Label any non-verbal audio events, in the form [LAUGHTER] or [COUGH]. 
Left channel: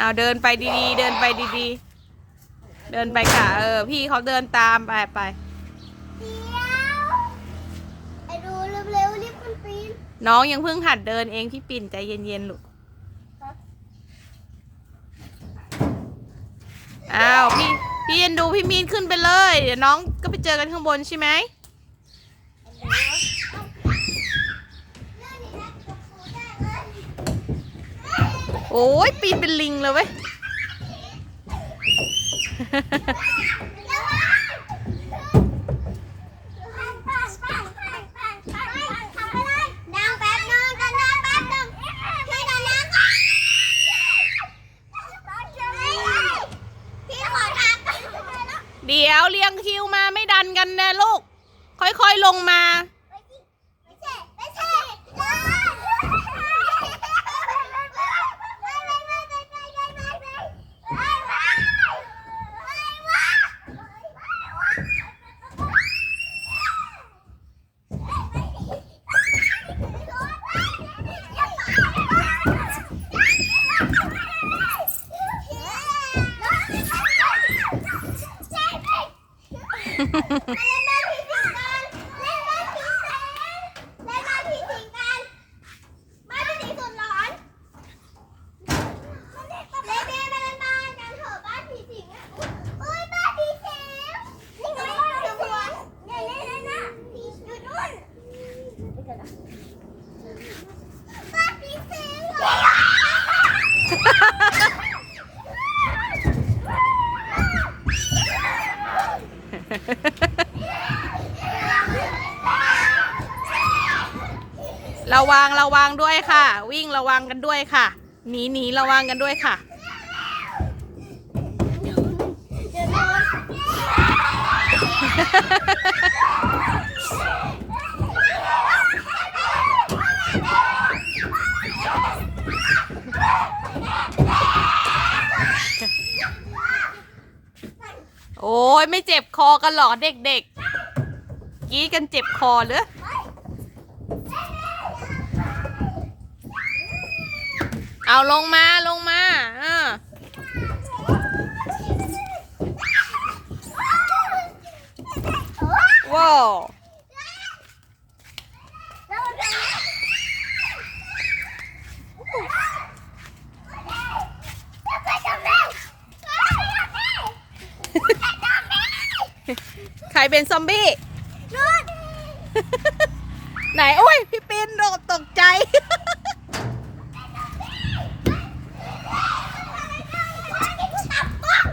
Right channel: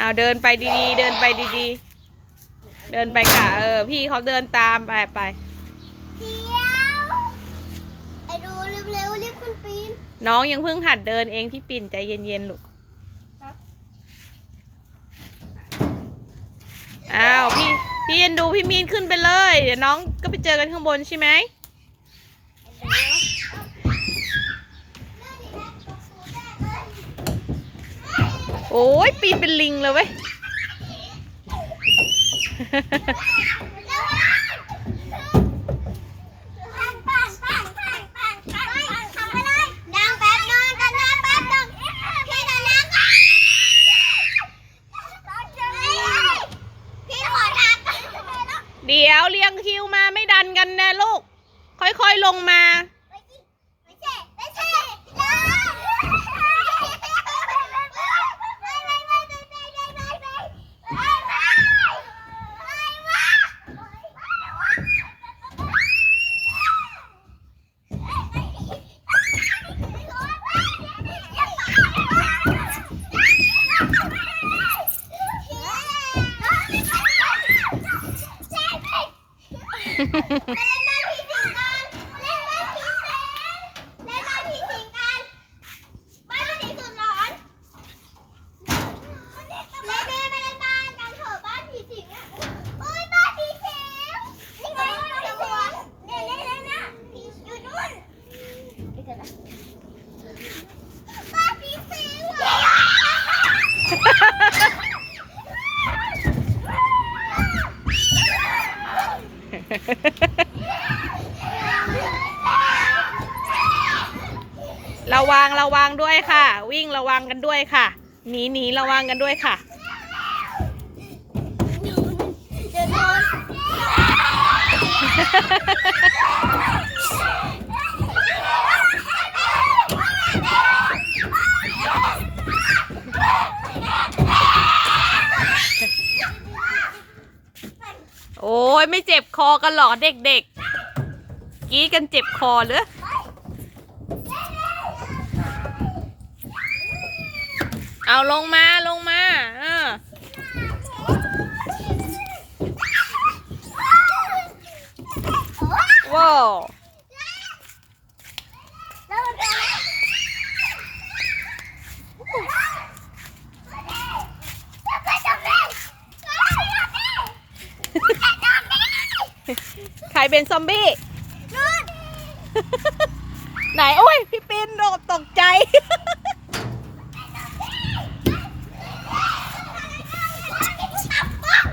เอาเดินไปดีๆ เดินไปดีๆ เดินไปค่ะเออ พี่เขาเดินตามไปไปเดี๋ยวไอ้ดูเร็วๆรีบขึ้นปีนน้องยังเพิ่งหัดเดินเองพี่ปิ่นใจเย็นๆลูกอ้าวพี่พี่เอ็นดูพี่มีนขึ้นไปเลย เดี๋ยวน้องก็ไปเจอกันข้างบนใช่ไหม โอ้ยปีนเป็นลิงเลยเว้ยเดี๋ยวเรียงคิวมาไม่ดันกันนะลูก ค่อยๆลงมา David! [LAUGHS] ระวังระวังด้วยค่ะ วิ่งระวังกันด้วยค่ะ หนีหนีระวังกันด้วยค่ะ เดี๋ยว โอ้ยไม่เจ็บคอกันหรอเด็กๆกี้กันเจ็บคอหรือเอาลงมาลงมาเออว้าวแล้วมันเป็นอะไรจะไปทำไม ใครเป็นซอมบี้นู่นไหนโอ้ย พี่ปินโดดตกใจตับบ้อง